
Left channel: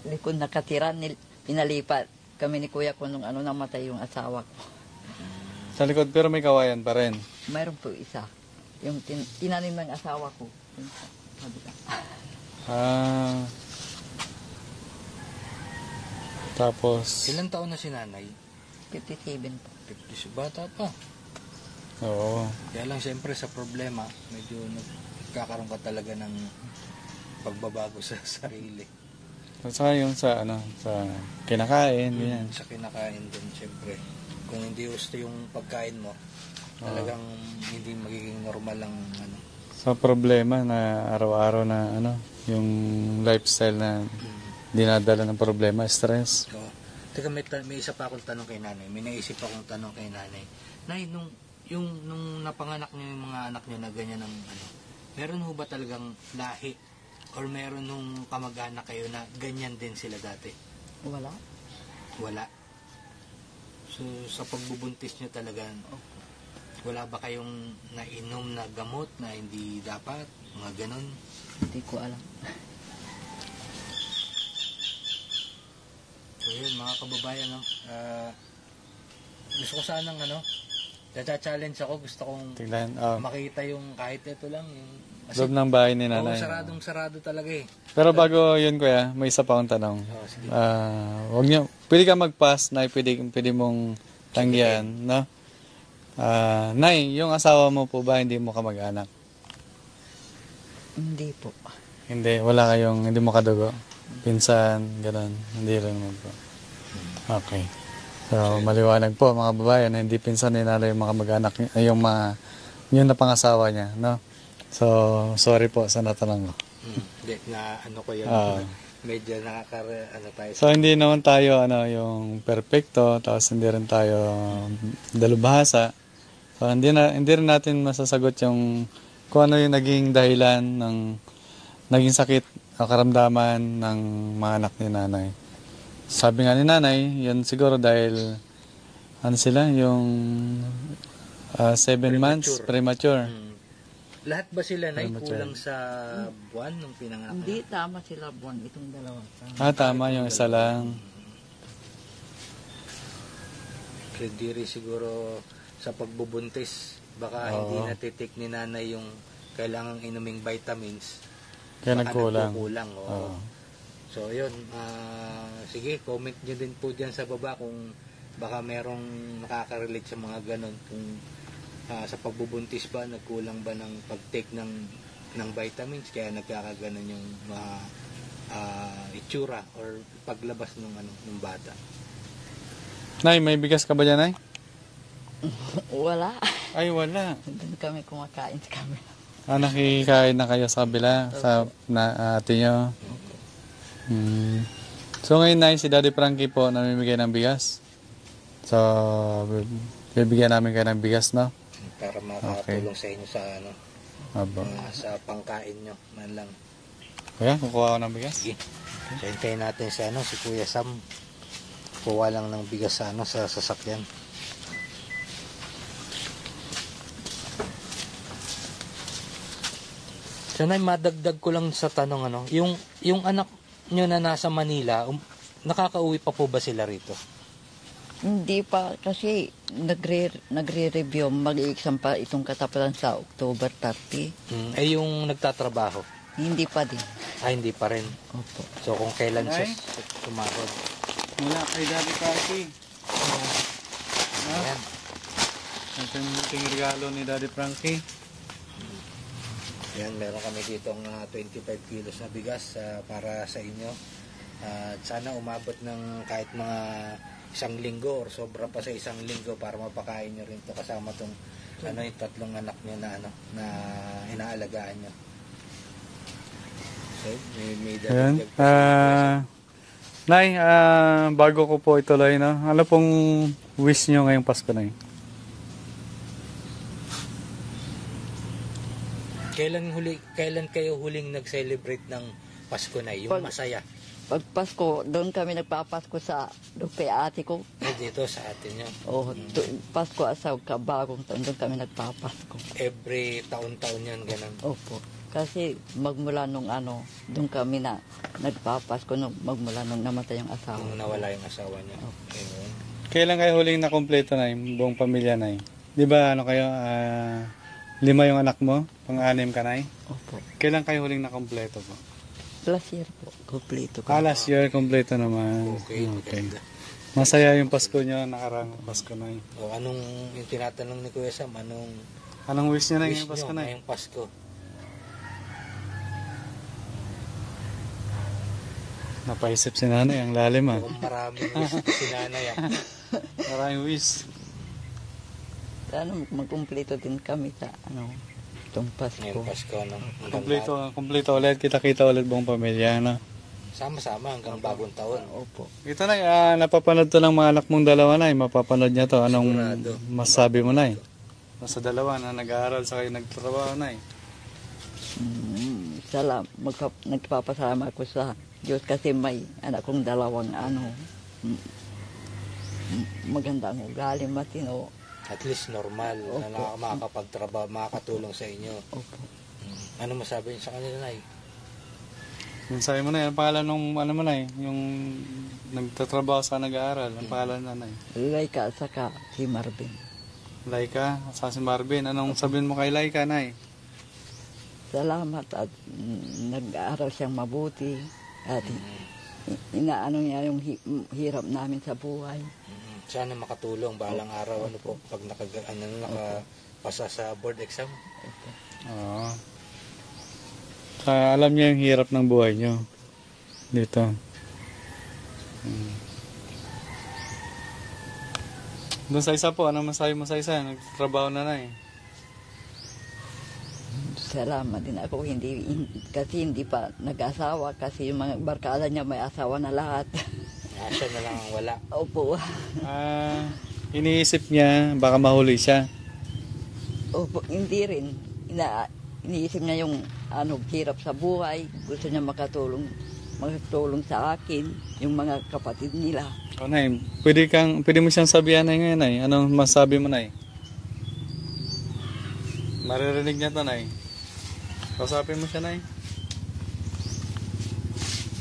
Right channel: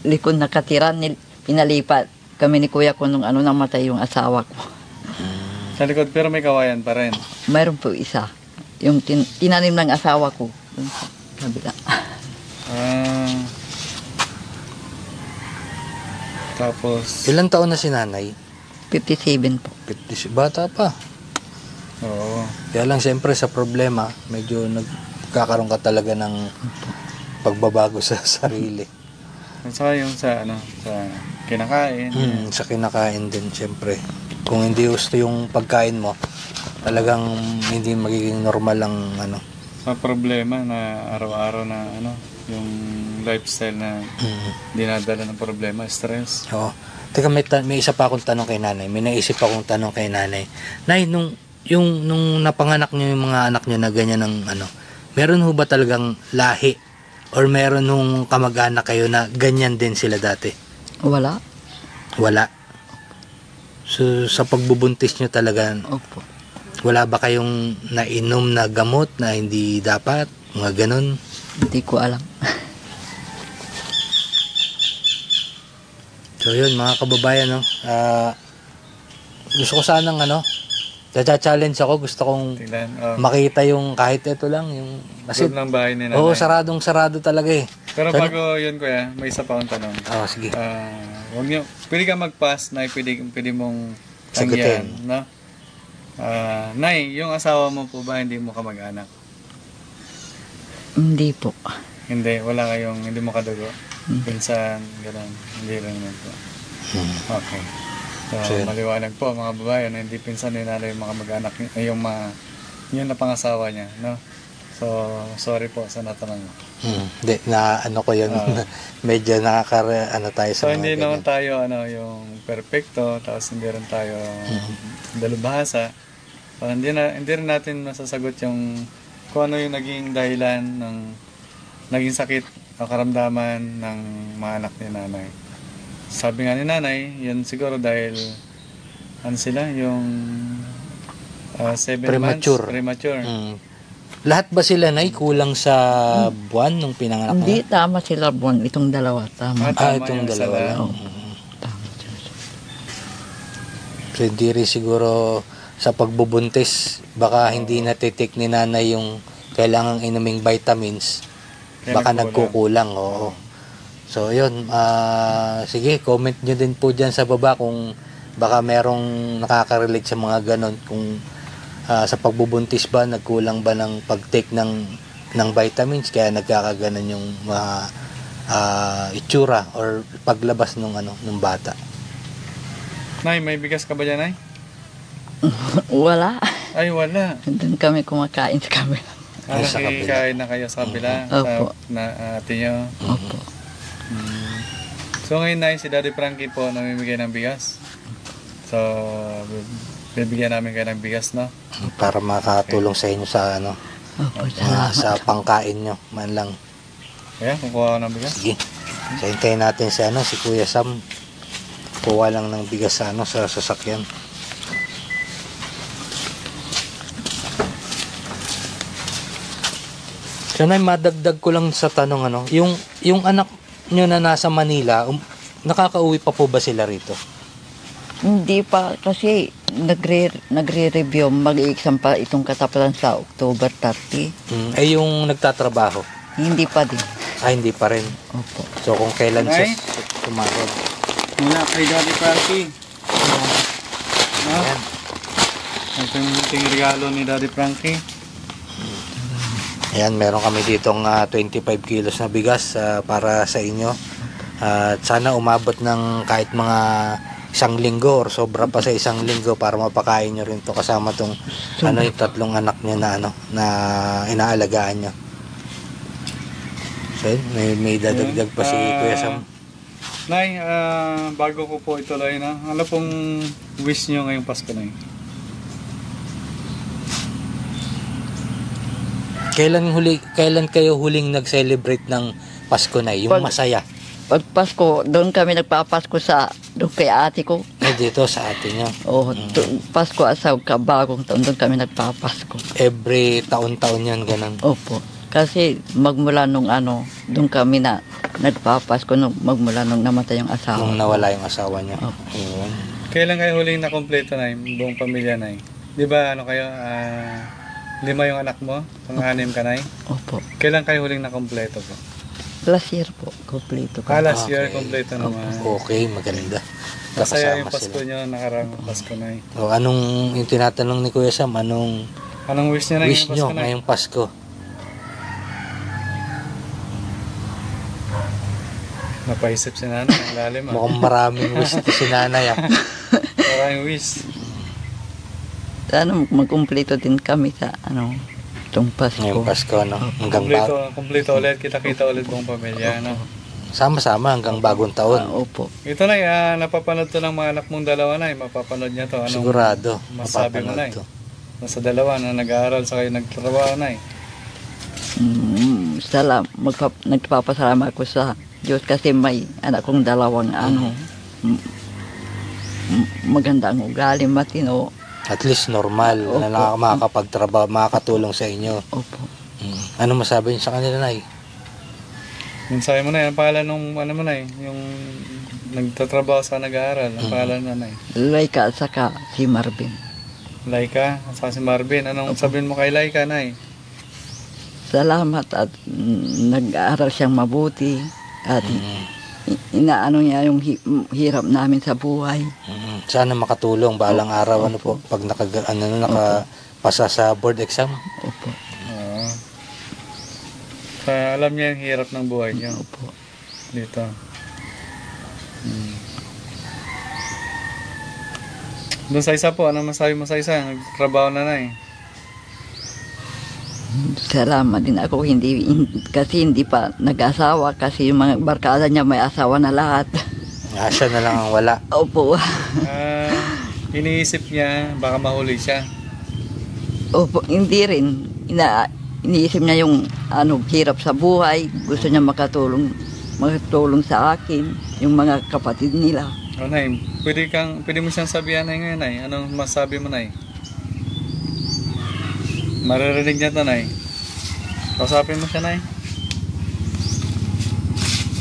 likod nakatira, pinalipat kami ni kuya ko nung namatay yung asawa ko. Sa likod pero may kawayan pa rin. Mayroon po isa. Yung tinanim ng asawa ko. Doon sa kabila. Tapos Ilang taon na si nanay? 57 po. 50, bata pa. oo. Kaya lang siyempre sa problema, medyo nagkakaroon ka talaga ng pagbabago sa sarili. At saka yung sa sa kinakain. Sa kinakain din siyempre. Kung hindi gusto yung pagkain mo, talagang hindi magiging normal ang Sa problema na araw-araw na yung lifestyle na dinadala ng problema, stress. Oo. Teka, may isa pa akong tanong kay nanay. May naisip akong tanong kay nanay. Nay, nung napanganak niyo yung mga anak niyo na ganyan ng meron ho ba talagang lahi? Or meron nung kamag-anak kayo na ganyan din sila dati? Wala. Wala. So, sa pagbubuntis nyo talaga, Opo. wala ba kayong nainom na gamot na hindi dapat? Mga ganun? Hindi ko alam. So yun mga kababayan, gusto ko sanang challenge ako, gusto kong Tingnan. makita yung kahit ito lang, yung Loob ng bahay ni nanay. oo, sarado talaga eh. Pero bago yun kuya, may isa pa akong tanong. Sige. Huwag nyo, pwede ka mag-pass na pwede mong tanggihan, Sagutin. no? Nay, yung asawa mo po ba hindi mo kamag-anak? Hindi po. Hindi, wala kayong, hindi mo kadugo? Pinsan, gano'n, hindi rin naman po. Okay. So, maliwanag po mga babae na hindi pinsan ni nanay yung mga kamag-anak ay yung na pangasawa niya, no? So, sorry po sa natanong ko. Hindi, ko yun. Medyo tayo sa So, hindi mga naman tayo yung perfecto, tapos hindi rin tayo dalubhasa. So, hindi rin natin masasagot yung kung ano yung naging dahilan ng naging sakit o karamdaman ng mga anak ni nanay. Sabi nga ni nanay, yan siguro dahil sila yung 7 months premature. Lahat ba sila kulang sa buwan nung pinanganak Hindi, na? tama sila buwan. Itong dalawa, tama. Tama itong yung dalawa sala. lang. Oo. Tama. So hindi rin siguro sa pagbubuntis, baka hindi natitik ni nanay yung kailangang inuming vitamins, Kaya baka nagkulang. nagkukulang. Oo. So yun, sige, comment nyo din po dyan sa baba kung baka merong nakaka-relate sa mga ganon, kung sa pagbubuntis ba, nagkulang ba ng pag-take ng vitamins, kaya nagkakaganon yung mga itsura or paglabas nung bata. Nay, may bigas ka ba dyan, Nay? Wala. Ay, wala. Doon kami kumakain sa kabila. Sa kabila. Nakikain na kayo sa kabila, Opo. sa ate nyo. Opo. So ngayon, Nay, si Daddy Frankie po namimigay ng bigas. So, bibigyan namin kayo ng bigas, no? Para makatulong sa inyo sa Opo, sa pangkain nyo man lang. Kaya, kukuha ko ng bigas. Sige. So hintayin natin si Kuya Sam. Kuha lang ng bigas sa sa sasakyan. So na madagdag ko lang sa tanong yung anak nyo na nasa Manila, nakakauwi pa po ba sila rito? Hindi pa kasi nagre-review, mag-i-exam pa itong katapusan sa October 30. Eh yung nagtatrabaho, Hindi pa din. hindi pa rin. Opo. So kung kailan Nay? siya sumahod. Mula kay Daddy Frankie. Ayan. Ito yung munting regalo ni Daddy Frankie. Ayan, meron kami ditong 25 kilos na bigas para sa inyo. At sana umabot ng kahit mga 1 linggo or sobra pa sa 1 linggo para mapakain nyo rin to kasama tong yung 3 anak nyo na na inaalagaan nyo. So yun, may dadagdag pa si Kuya Sam. Nay, bago ko po ituloy na, ano pong wish nyo ngayong Pasko, Nay? Kailan kayo huling nag-celebrate ng Pasko na yung masaya? Pag Pasko, doon kami nagpapasko doon kay ate ko. Dito sa atin nyo. Pasko at sa bagong taon, doon kami nagpapasko. Every taon-taon yan, ganun. Opo. Kasi magmula nung doon kami na nagpapasko, magmula nung namatay yung asawa. Nung nawala yung asawa niya. Opo. Ayun. Kailan kayo huling na kompleto, Nay? Buong pamilya, Nay? Di ba, 5 yung anak mo? Pang-anim ka, Nay? Opo. Kailan kayo huling na kompleto po? Last year po, kompleto ko. Last year, kompleto naman. Okay, maganda. Masaya yung Kasama Pasko sila. niya, nakarang Pasko, Nay. O, anong yung tinatanong ni Kuya Sam, anong Anong wish niya na wish ngayong nyo Pasko, Nay? ngayong Pasko? Napaisip si Nanay, ang lalim, Mukhang maraming wish to si nanay. Maraming wish. Sana magkumpleto din kami sa itong Pasko. Ngayong Pasko, no? Hanggang Kompleto ulit, kita-kita ulit buong pamilya, no? sama-sama hanggang bagong taon. Opo. Ito, Nay, napapanood to ng mga anak mong dalawa, Nay. Mapapanood niya to. Anong Sigurado. masabi mo, Nay? mapapanood to. Nasa dalawa na nag-aaral sa kayo nagtrabaho, Nay. Nagpapasalamat ako sa Diyos kasi may anak kong dalawang maganda ang ugali, matino. At least normal Opo. na makakapagtrabaho, makakatulong sa inyo. Opo. Ano masabi niyo sa kanila, Nay? Minsahe mo, Nay. Ang pangalan nung, mo, Nay? Yung nagtatrabaho sa nag-aaral. Ang pangalan na, Nay? Laika at saka si Marvin. Laika, sa si Marvin. Anong sabihin mo kay Laika, Nay? Salamat at nag-aaral siyang mabuti at inaano niya yung hirap namin sa buhay. Sana makatulong balang araw ano po pag nakapasa sa board exam. Opo. Alam niya yung hirap ng buhay niyo. Opo. Dito. Doon sa isa po, ano masabi mo sa isa? Nagtrabaho na, Nay. Salamat din ako kasi hindi pa nag-asawa kasi yung mga barkada niya may asawa na lahat. Siya na lang ang wala. Opo. Iniisip niya, baka mahuli siya. Opo, hindi rin. Iniisip niya yung hirap sa buhay. Gusto niya makatulong sa akin, yung mga kapatid nila. Nay, pwede mo siyang sabihan, Nay, ngayon, Nay. Anong masabi mo, Nay? Maririnig niya ito, Nay. Kausapin mo siya, Nay.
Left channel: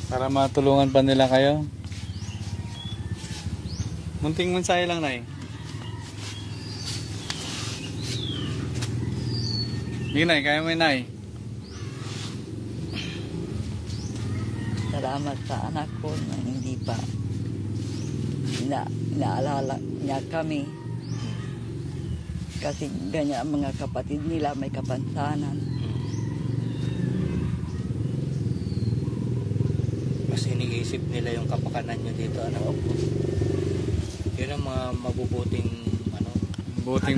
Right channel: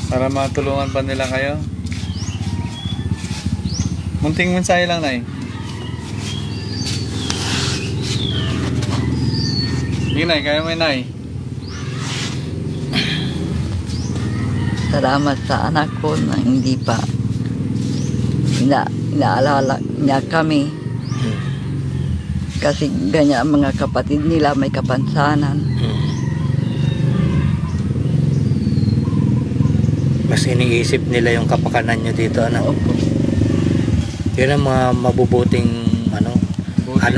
Para matulungan pa nila kayo. Munting mensahe lang, Nay. Sige, Nay, kaya mo yun, Nay. Salamat sa anak ko na hindi pa inaalala niya kami. Kasi ganyan ang mga kapatid nila, may kapansanan. Mas iniisip nila yung kapakanan nyo dito, ano? Opo. Yun ang mga mabubuting anak.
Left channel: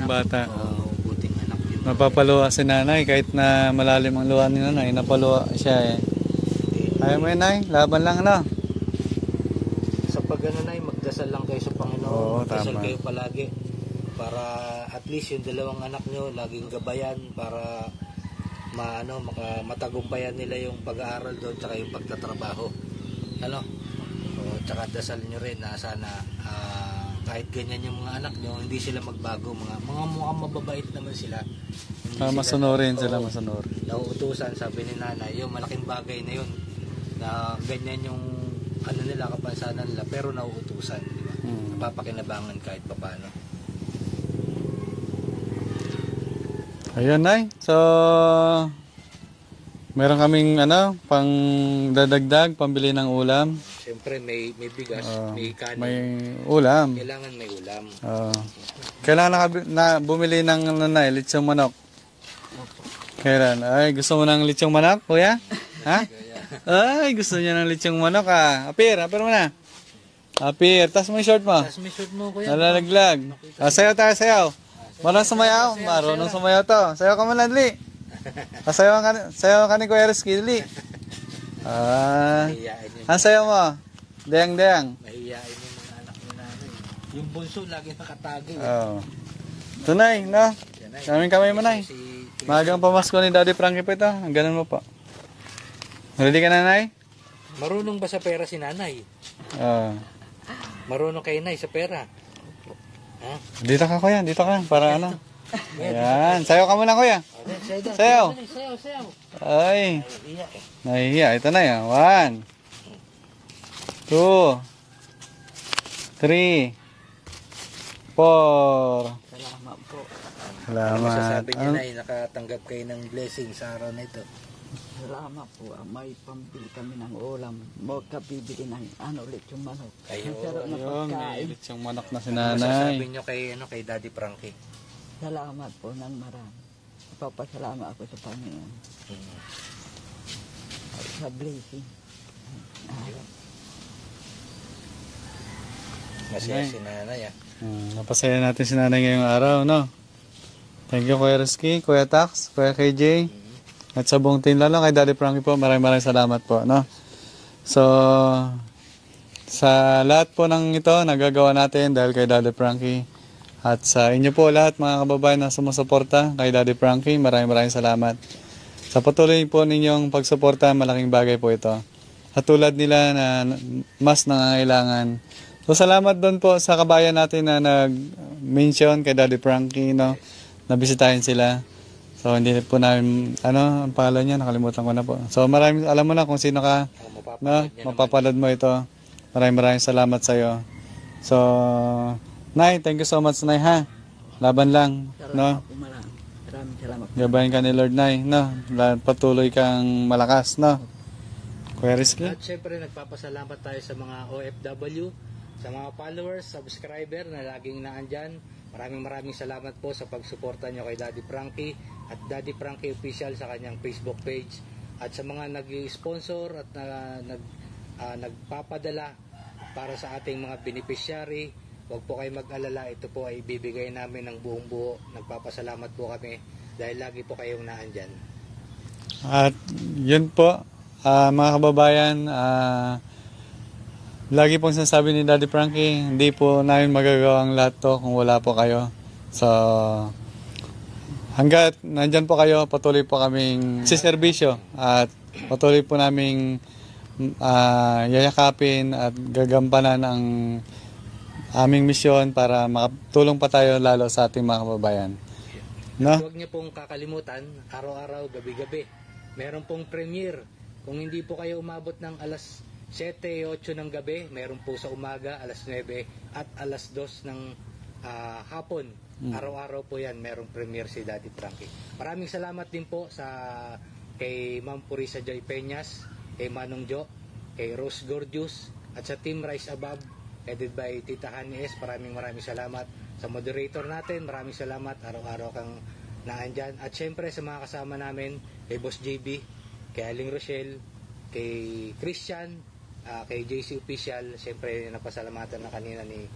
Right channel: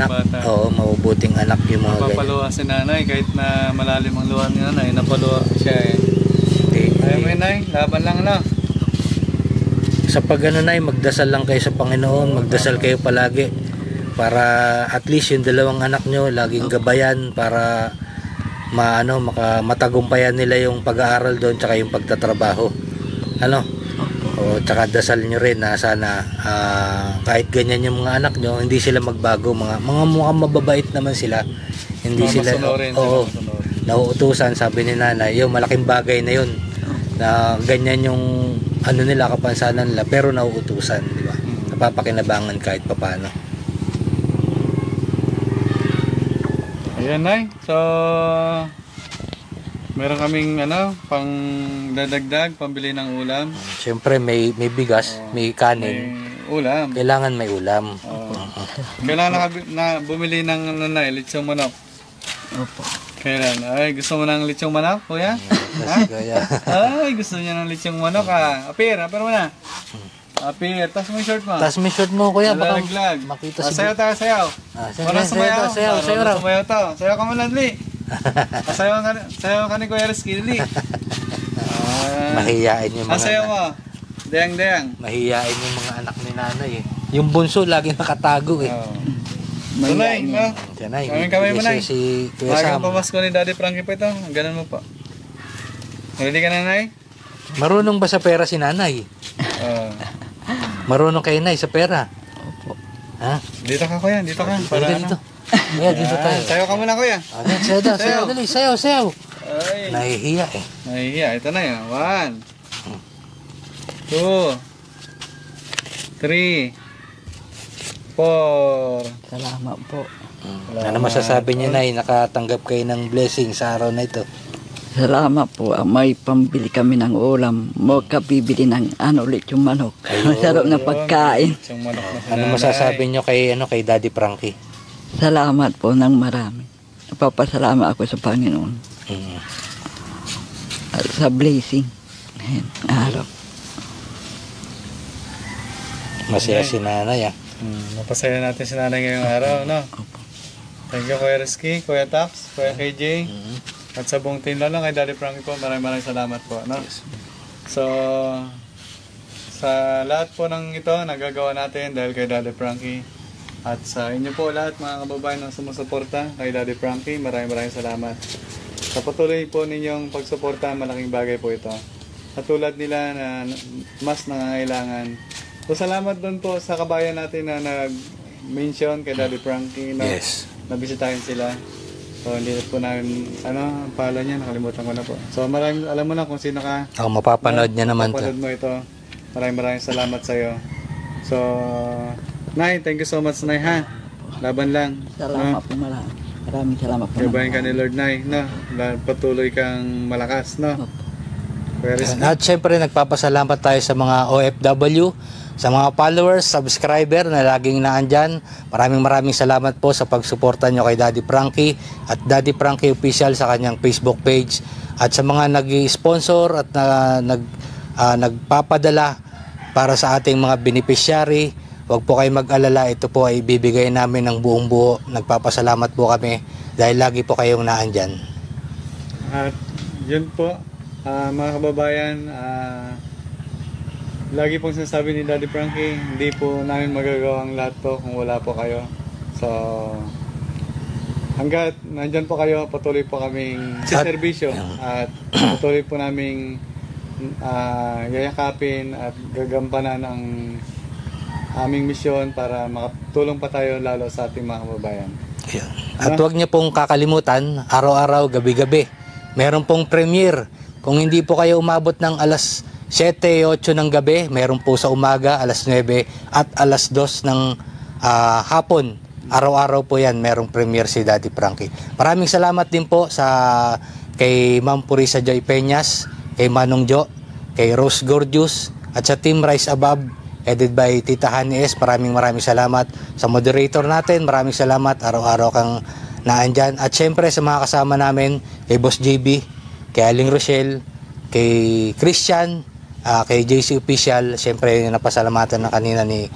Bata. Oo, mabubuting anak yung mga Napapaluha si Nanay kahit na malalim ang luha ni Nanay. Napaluha siya eh. Kaya mo yun, Nay. Laban lang, ano? Sa Nay, magdasal lang kayo sa Panginoon, magdasal kayo palagi para at least yung dalawang anak nyo laging gabayan para matagumpayan nila yung pag-aaral doon tsaka yung pagtatrabaho. Tsaka dasal nyo rin na sana kahit ganyan yung mga anak nyo, hindi sila magbago, mga mukhang mababait naman sila. Hindi sila nauutusan, sabi ni Nanay, yung malaking bagay na yun na ganyan yung nila, kapansanan nila, pero nauutusan, di ba? napapakinabangan kahit papano. Ayan, Nay. So, meron kaming pang dadagdag, pambili ng ulam. Siyempre may bigas, may May kanin. ulam. Kailangan may ulam. Kailangan na bumili ng litsong manok. Opo. Kailan? Ay, gusto mo ng litsong manok, kuya? Ha? Kaya, Ay, gusto niya ng litsong manok, ha? Apir mo na. Apir, tas mo yung short mo. tas may short mo kuya, baka Nalalaglag. makita Sayaw tayo, sayaw. sayaw, Para sumayaw. sayaw, sayaw, Marunong raw. sumayaw to. Sayaw ka man, Ladli. Sayaw ka ni Kuya Rizky, Ladli. mahihiyain yung mga Sayaw mo. Deyang. mahihiyain yung mga anak ni nanay eh. Yung bunso lagi nakatago eh. Oh. Tunay, na. Diyan ay. Kamay mo, Nay. Si Kuya Magang Sam. pamasko ni Daddy Frankie pa ito. Ganun mo pa. Ready ka na, Nay? Marunong ba sa pera si nanay? Marunong kay nay sa pera? Ha? Dito ka, Kuya. Dito ka. Para Halika dito. Kuya, dito tayo. Sayaw ka muna, Kuya. Ayan, sayaw daw. Sayaw. Sayaw, dali. Sayaw, sayaw. Ay. Nahihiya eh. Nahihiya. Ito na yan. 1, 2, 3, 4. Salamat po. Ano masasabi niya nay? Nakatanggap kayo ng blessing sa araw na ito. Salamat po. May pambili kami ng ulam. Mo kabibili ng ulit yung manok. Masarap na pagkain. Isang manok na Ano masasabi niyo kay Daddy Frankie? Salamat po ng marami. Napapasalamat ako sa Panginoon. Mm. At sa blessing. Ayan, araw. Masaya si nanay ah. Napasaya natin si nanay ngayong araw, no? Thank you, Kuya Rizky, Kuya Tax, Kuya KJ. At sa buong team, lalo kay Daddy Frankie po, maraming salamat po, no? So, sa lahat po ng ito, nagagawa natin dahil kay Daddy Frankie. At sa inyo po lahat, mga kababayan na sumusuporta kay Daddy Frankie, maraming salamat. Sa patuloy po ninyong pagsuporta, malaking bagay po ito. At tulad nila na mas nangangailangan. So, salamat doon po sa kabayan natin na nag-mention kay Daddy Frankie, no? Yes. Nabisitahin sila. So, hindi po namin, ang pangalan niya, nakalimutan ko na po. So, maraming, alam mo na kung sino ka. Mapapanood niya naman to. Mapapanood mo ito. Maraming salamat sa iyo. So, Nay, thank you so much, Nay, ha? Laban lang. Salamat po marami. Maraming salamat po. Gabayan ka ni Lord, Nay, no? Patuloy kang malakas, no? Kuya Rizky. At syempre nagpapasalamat tayo sa mga OFW, sa mga followers, subscriber na laging naandyan. Maraming salamat po sa pagsuporta nyo kay Daddy Frankie at Daddy Frankie Official sa kanyang Facebook page. At sa mga nag-sponsor at nagpapadala para sa ating mga beneficiary, huwag po kayo mag-alala. Ito po ay ibibigay namin ng buong buo. Nagpapasalamat po kami dahil lagi po kayong naandyan. At yun po, mga kababayan, lagi pong sinasabi ni Daddy Frankie, hindi po namin magagawa ang lahat to kung wala po kayo. So, hanggat nandyan po kayo, patuloy po kaming siservisyo at patuloy po naming yayakapin at gagampanan ang aming misyon para makatulong pa tayo lalo sa ating mga kababayan. At huwag niyo pong kakalimutan, araw-araw, gabi-gabi, meron pong premiere. Kung hindi po kayo umabot ng alas 7, 8 ng gabi, meron po sa umaga, alas 9 at alas 2 ng hapon. Araw-araw po yan, merong premiere si Daddy Frankie. Maraming salamat din po kay Ma'am Purisa Joy Peñas, kay Manong Jo, kay Rose Gorgeous, at sa Team Rise Above, headed by Tita Hani S. Maraming salamat. Sa moderator natin, maraming salamat. Araw-araw kang naandyan. At syempre sa mga kasama namin, kay Boss JB, kay Aling Rochelle, kay Christian, kay JC Official, syempre napasalamatan na kanina ni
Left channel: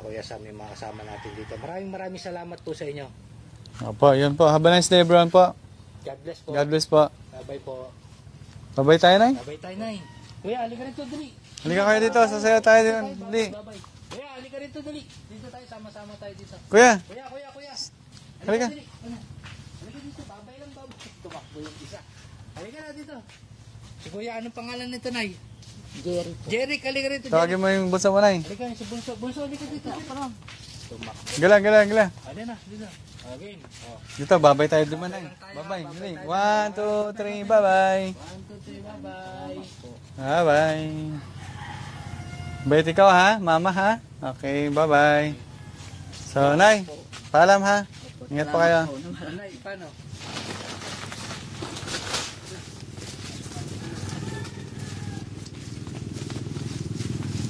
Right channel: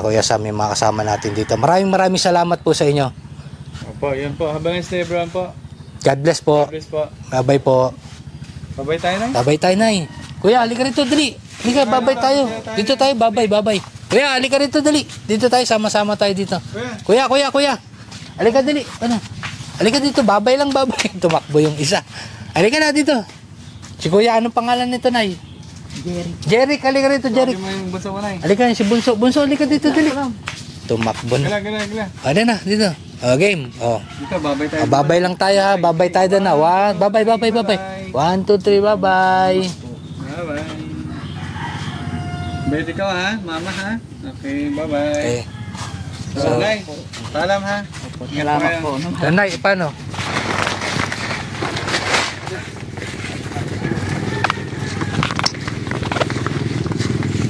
Kuya Sam, yung mga kasama natin dito. Maraming salamat po sa inyo. Opo, yun po. Have a nice day, everyone po. God bless po. God bless po. Bye-bye po. Bye-bye tayo, Nay. Bye-bye tayo, Nay. Kuya, halika rito, dali. Halika, Halika bye-bye dito, tayo. sasaya tayo. Dito tayo, bye-bye. Kuya, halika rito, dali. Dito tayo, sama-sama tayo dito. Kuya. Kuya. Halika, dali. Ano? Halika dito, bye-bye. Tumakbo yung isa. Halika na dito. Si Kuya, anong pangalan nito, Nay? Jerry, halika rito, Jerry. Tawagin mo yung bunsa mo, Nay. Halika, si Bunso. Bunso, halika dito, dali. Tumakbo na. Gila. Ano na, dito. Game. Dito, bye-bye tayo. Bye-bye lang tayo, ha. Bye-bye tayo doon, ha. Bye-bye. 1, 2, 3, bye-bye. Bye-bye. Bait ikaw ha, mama ha. Okay, bye-bye. Okay. So, Nay, paalam ha. Ingat po kayo. Salamat po. No? Nay, paano?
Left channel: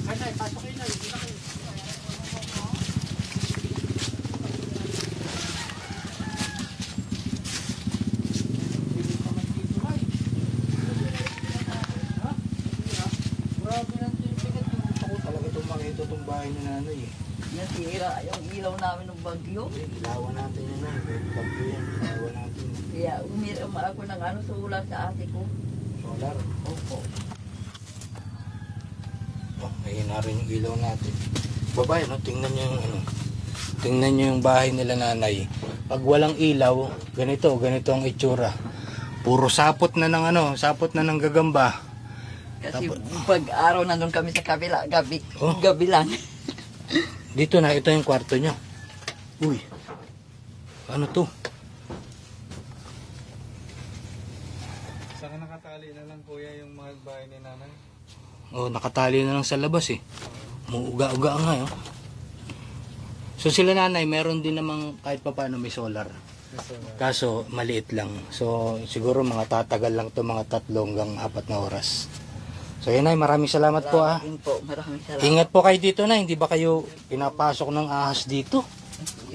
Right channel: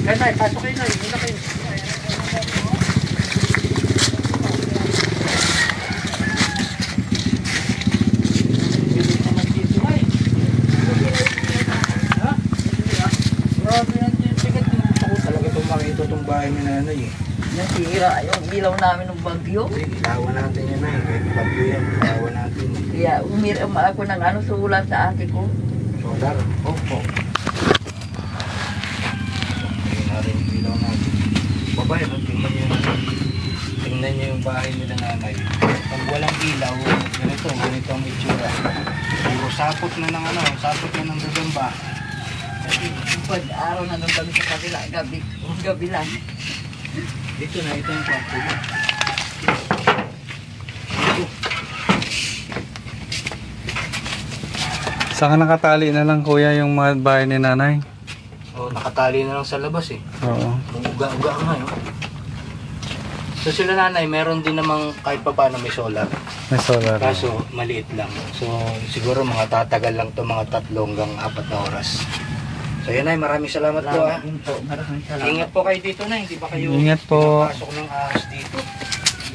Nay, pasok kayo, Nay. Muna kayo. Grabe yan, ticket. Ako talaga itong makita itong bahay ni nanay eh. Nasira yung ilaw namin ng bagyo. Hindi, ilawan natin yan ay. Kahit bagyo yan, ilawan natin. Kaya umiram ako ng ano, sulat sa ate ko. Solar. Opo. Okay, na rin yung ilaw natin. Babae, no? Tingnan nyo yung bahay nila nanay. Pag walang ilaw, ganito ang itsura. Puro sapot na ng sapot na ng gagamba. Pag araw na nung kami sa kabila, Oh. gabi lang. Dito na, ito yung kwarto niya. Ano ito? Saka nakatali na lang kuya yung mga bahay ni nanay. Oh, nakatali na lang sa labas eh. Oo. Ang uga-uga nga eh. So sila nanay, meron din namang kahit pa paano may solar. May solar. Kaso maliit lang. So siguro mga tatagal lang to mga 3 hanggang 4 na oras. So yan ay, maraming salamat po ah. Maraming salamat. Ingat po kayo dito na, hindi ba kayo Ingat po. pinapasok ng ahas dito?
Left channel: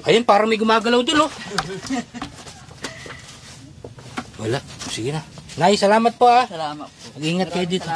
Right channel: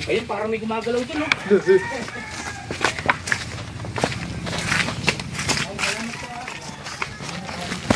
Ayun, parang may gumagalaw dun oh. Wala, sige na. Nay, salamat po ah. Salamat. Ingat kayo dito.